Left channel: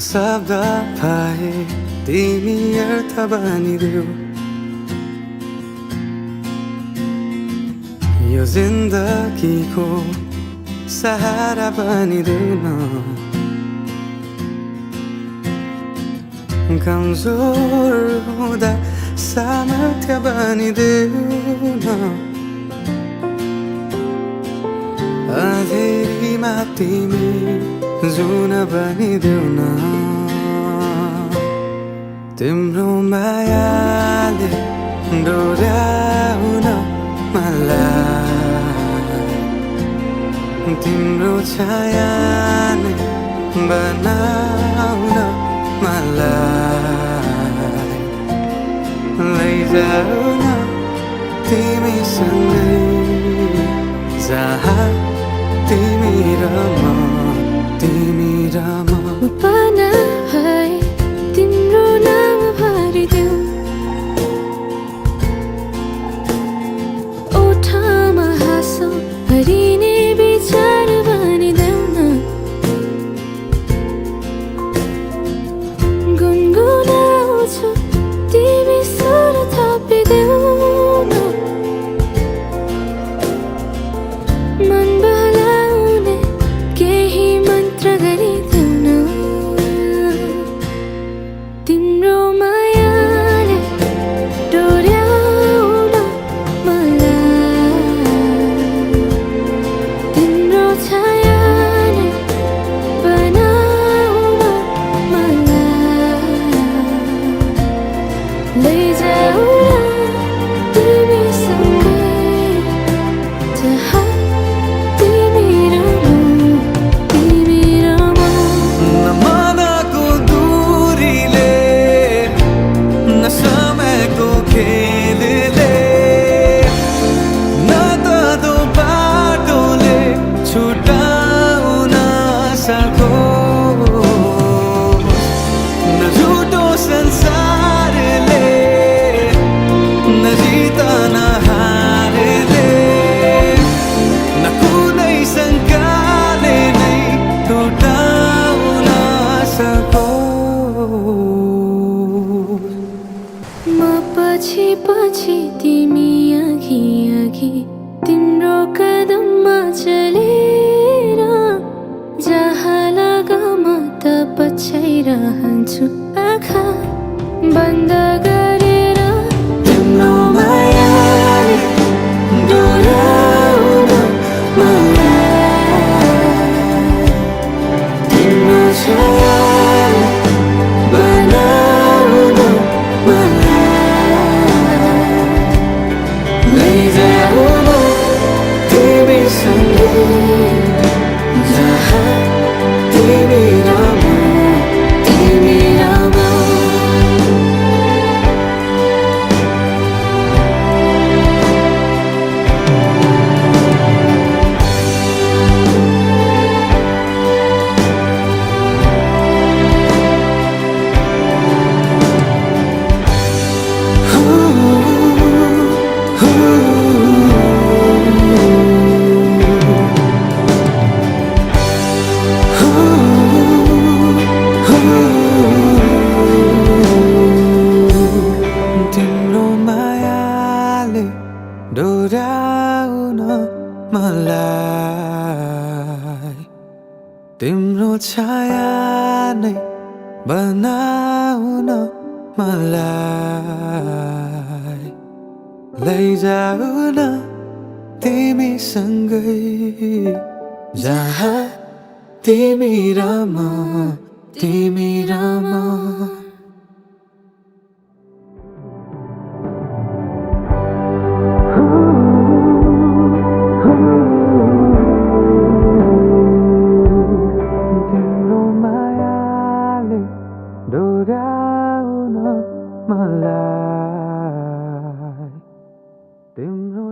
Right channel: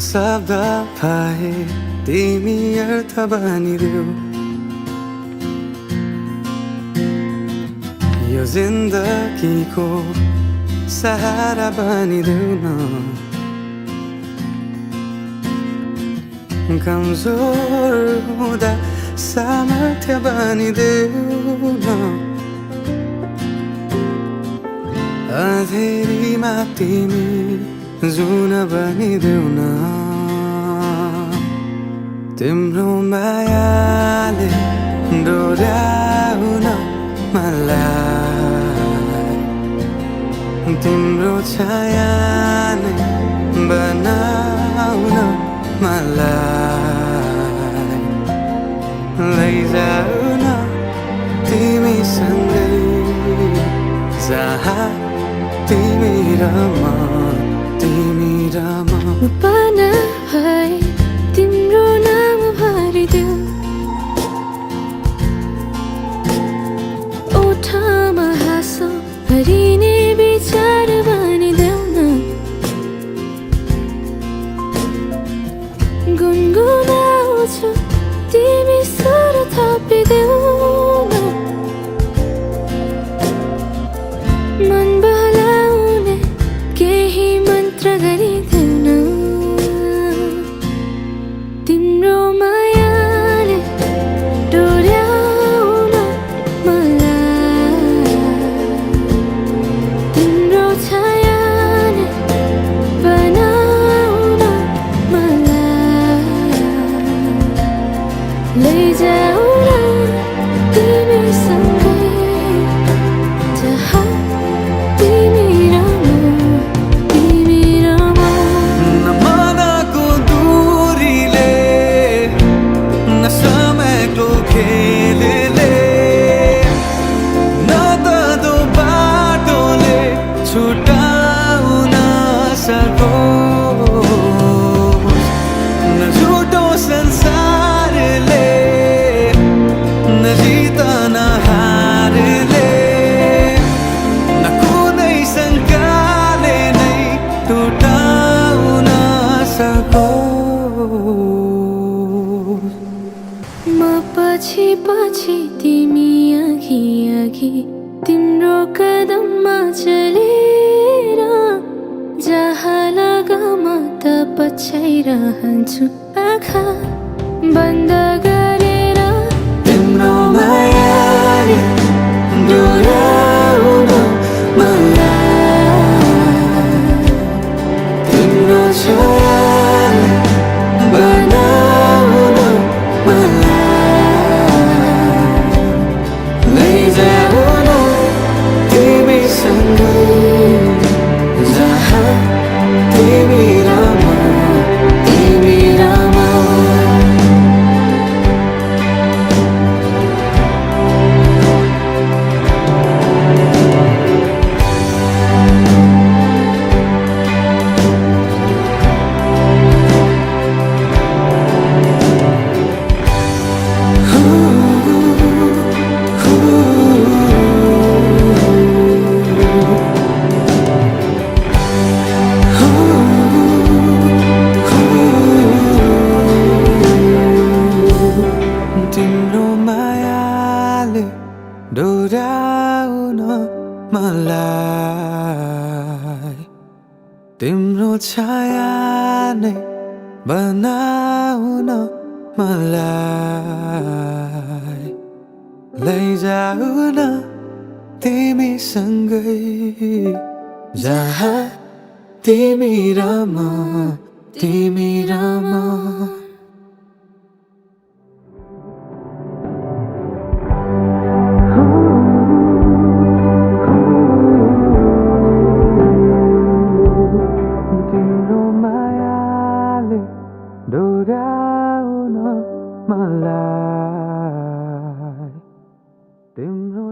शब्द पाए तिमी अर्थ बनिदेऊ यो जिन्दगीको सहारा बनिदेऊ न कमजोर हुँदा सामर्थ्य बनिदेऊ न अँधेरीमा तिमी जुन बनिदेऊ न तिम्रो मायाले डोर्याउन मलाई तिम्रो छाया नै बनाउन मलाई लैजाऊ न तिमीसँगै जहाँ तिमी र म उपना भए तिम्रो नाम भरिदेऊ ओठमा हाँसो भरिने विचार बनिदेऊ न गुनगुनाउँछु तिमी स्वर थपिदेऊ न मन बहलाउने केही मन्त्र गरिदेऊ न तिम्रो मायाले डोर्याउन मलाई तिम्रो छाया नै बनाउन मलाई लैजाऊ न तिमीसँगै जहाँ तिमी र म मनको दूरीले न समयको खेलले न त दो बाटोले छुटाउन सकोस् न झुटो संसारले न जित न हारले न कुनै शङ्काले नै टुटाउन सकोस् म पछि पछि तिमी अघि अघि तिम्रो कदममा चलेर जहाँ लग म त पछ्याइरहन्छु आँखा बन्द गरेर तिम्रो मायाले डोर्याउन मलाई तिम्रो छायाले बनाउन मलाई लैजाऊ न तिमीसँगै जहाँ तिमी र म तिम्रो मायाले डोर्याउन मलाई तिम्रो छाया नै बनाउन मलाई लैजाऊ न तिमीसँगै जहाँ तिमी र म तिम्रो मायाले डोर्याउन मलाई तिम्रो